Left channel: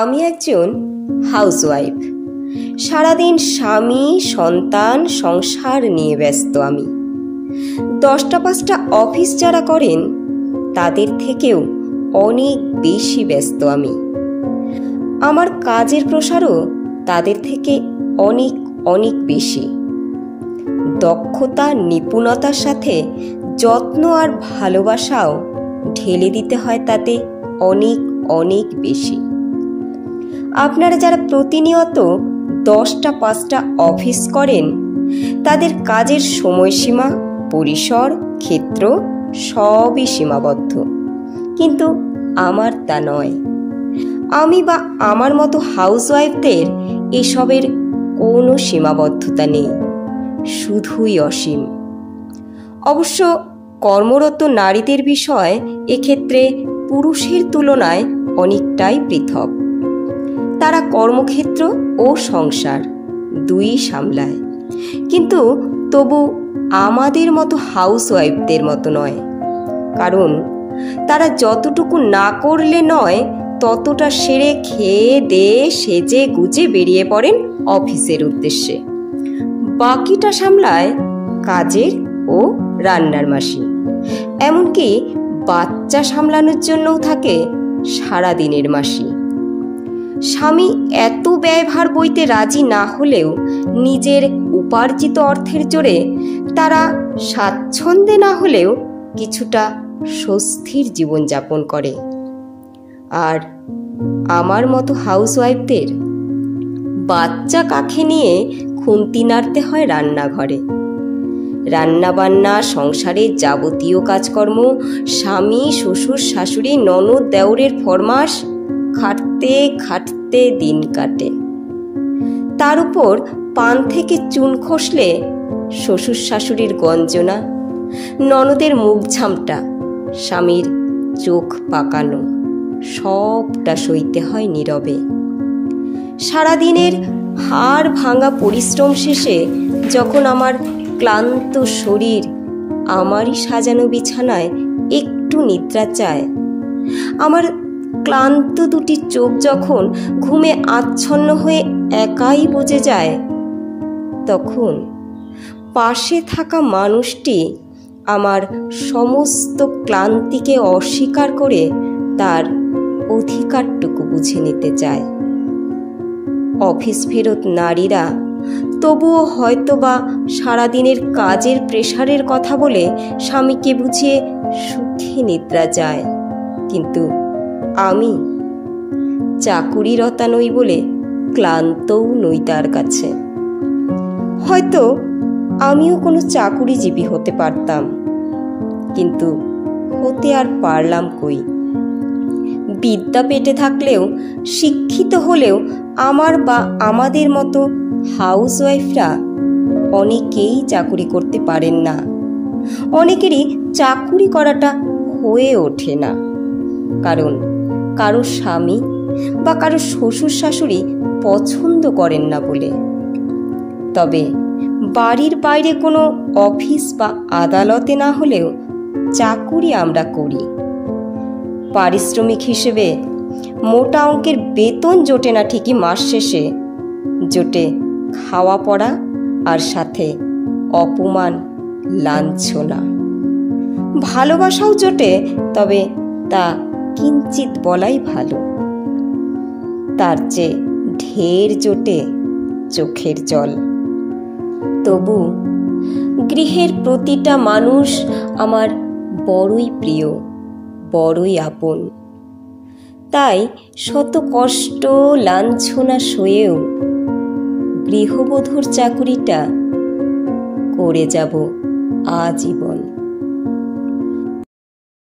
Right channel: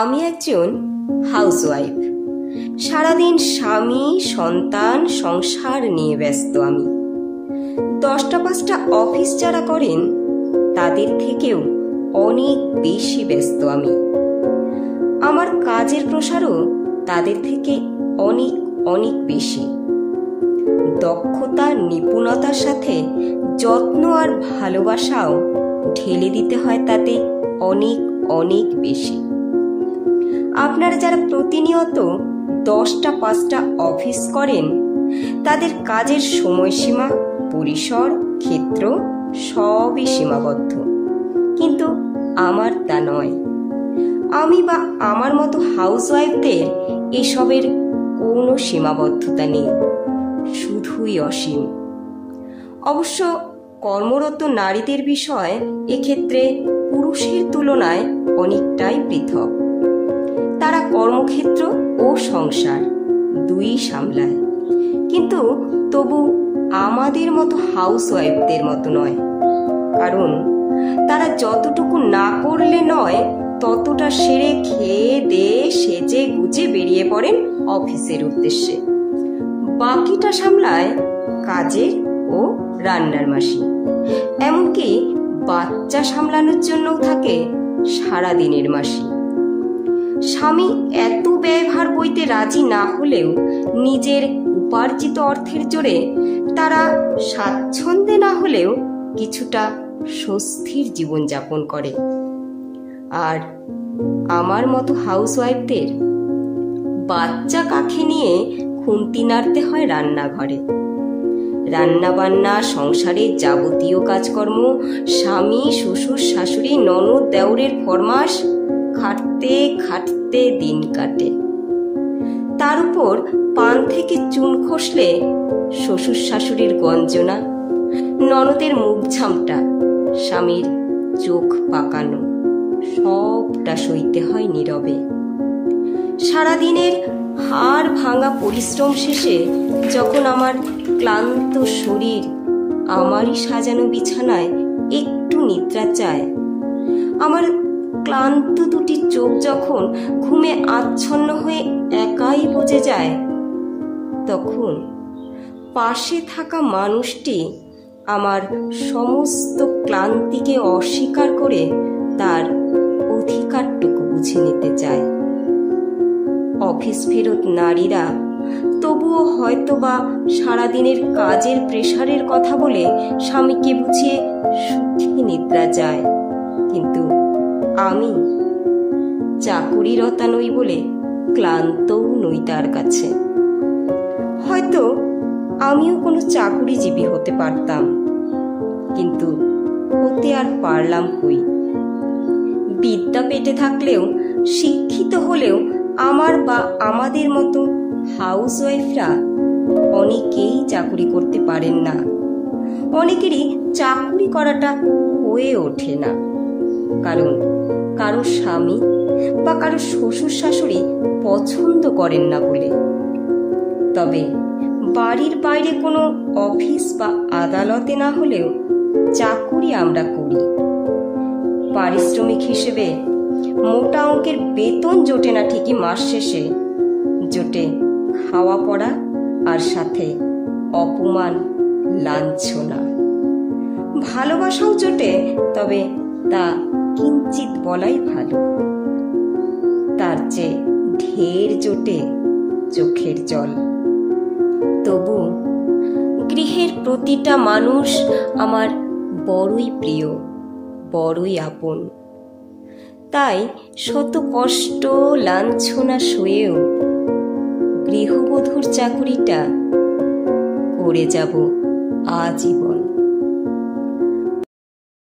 আমি একজন হাউসওয়াইফ। সারাদিন স্বামী, সন্তান, সংসার নিয়ে ব্যস্ত আমি। 10টা 5টা অফিস যারা করেন তাদের থেকেও অনেক বেশি ব্যস্ত আমি। আমার কাজের প্রসারও তাদের থেকে অনেক অনেক বেশি। দক্ষতা, নিপুণতার সাথে যত্ন আর ভালোবাসাও ঢেলে দিতে হয় তাতে অনেক অনেক বেশি। আপনারা যারা প্রতিনিয়ত 10টা 5টা অফিস করেন তাদের কাজের সময়সীমা, পরিসর, ক্ষেত্র সবই সীমাবদ্ধ, কিন্তু আমার তা নয়। আমি বা আমার মতো হাউসওয়াইফদের এসবের কোনো সীমাবদ্ধতা নেই, শুধুই অসীম। অবশ্য কর্মরত নারীদের বিষয় এক্ষেত্রে পুরুষের তুলনায় অনেকটাই পৃথক। তারা কর্মক্ষেত্র ও সংসার দুই সামলায়, কিন্তু তবু আমাদের মতো হাউসওয়াইফদের মতো নয়। কারণ তারা যতটুকু না করলে নয় ততটা সেরে খেয়ে দিয়ে সেজে গুজে বেরিয়ে পড়েন অফিসের উদ্দেশ্যে। বাকিটা সামলায় কাজের ও রান্নার মাসি, এমনকি বাচ্চা সামলানোর জন্যও থাকে সারাদিনের মাসি। স্বামী এত ব্যয়ভার বইতে রাজি না হলেও নিজের উপার্জিত অর্থের জোরে তারা স্বাচ্ছন্দ্যে না হলেও কিছুটা স্বস্তির জীবনযাপন করে। আর আমার মতো হাউসওয়াইফদের বাচ্চা কাঁখে নিয়ে খুন্তি নাড়তে হয় রান্নাঘরে। রান্নাবান্না, সংসারের যাবতীয় কাজকর্ম, স্বামী, শ্বশুর, শাশুড়ি, ননদ, দেওরের ফরমাস, খাটতে খাটতে দিন কাটে। তার উপর পান থেকে চুন খসলে শ্বশুর শাশুড়ির গঞ্জনা, ননদের মুখ ঝামটা, স্বামীর চোখ পাকানো, সবটা সইতে হয় নীরবে। সারাদিনের হাড় ভাঙা পরিশ্রম শেষে যখন আমার ক্লান্ত শরীর আমারই সাজানো বিছানায় একটু নিদ্রা চায়, আমার ক্লান্ত দুটি চোখ যখন ঘুমে আচ্ছন্ন হয়ে একাই বুজে যায়, তখন পাশে থাকা মানুষটি আমার সমস্ত ক্লান্তিকে অস্বীকার করে তার অধিকারটুকু বুঝে নিতে চায়। অফিস ফেরত নারীরা তবুও হয়তোবা সারাদিনের কাজের প্রেসারের কথা বলে স্বামীকে বুঝিয়ে সুখে নিদ্রা যায়, কিন্তু আমি চাকুরিরতা নই বলে ক্লান্তও নই তার কাছে। হয়তো আমিও কোনো চাকুরিজীবী হতে পারতাম, কিন্তু হতে আর পারলাম কই। বিদ্যা পেটে থাকলেও, শিক্ষিত হলেও আমার বা আমাদের মতো হাউসওয়াইফরা অনেকেই চাকুরি করতে পারেন না। অনেকেরই চাকুরি করাটা হয়ে ওঠে না, কারণ কারো স্বামী বা কারো শ্বশুর শাশুড়ি পছন্দ করেন না বলে। তবে বাড়ির বাইরে কোনো অফিস বা আদালতে না হলেও চাকুরি আমরা করি। পারিশ্রমিক হিসেবে মোটা অঙ্কের বেতন জোটে না ঠিকই, মাস শেষে জোটে খাওয়া পড়া আর সাথে অপমান, লাঞ্ছনা। ভালোবাসাও জোটে, তবে তা কিঞ্চিত বলাই ভালো। তার চেয়ে ঢের জোটে চোখের জল। তবু গৃহের প্রতিটা মানুষ আমার বড়ই প্রিয়, বড়ই আপন। তাই শত কষ্ট, লাঞ্ছনা সয়েও গৃহবধূর চাকুরিটা করে যাব আজীবন।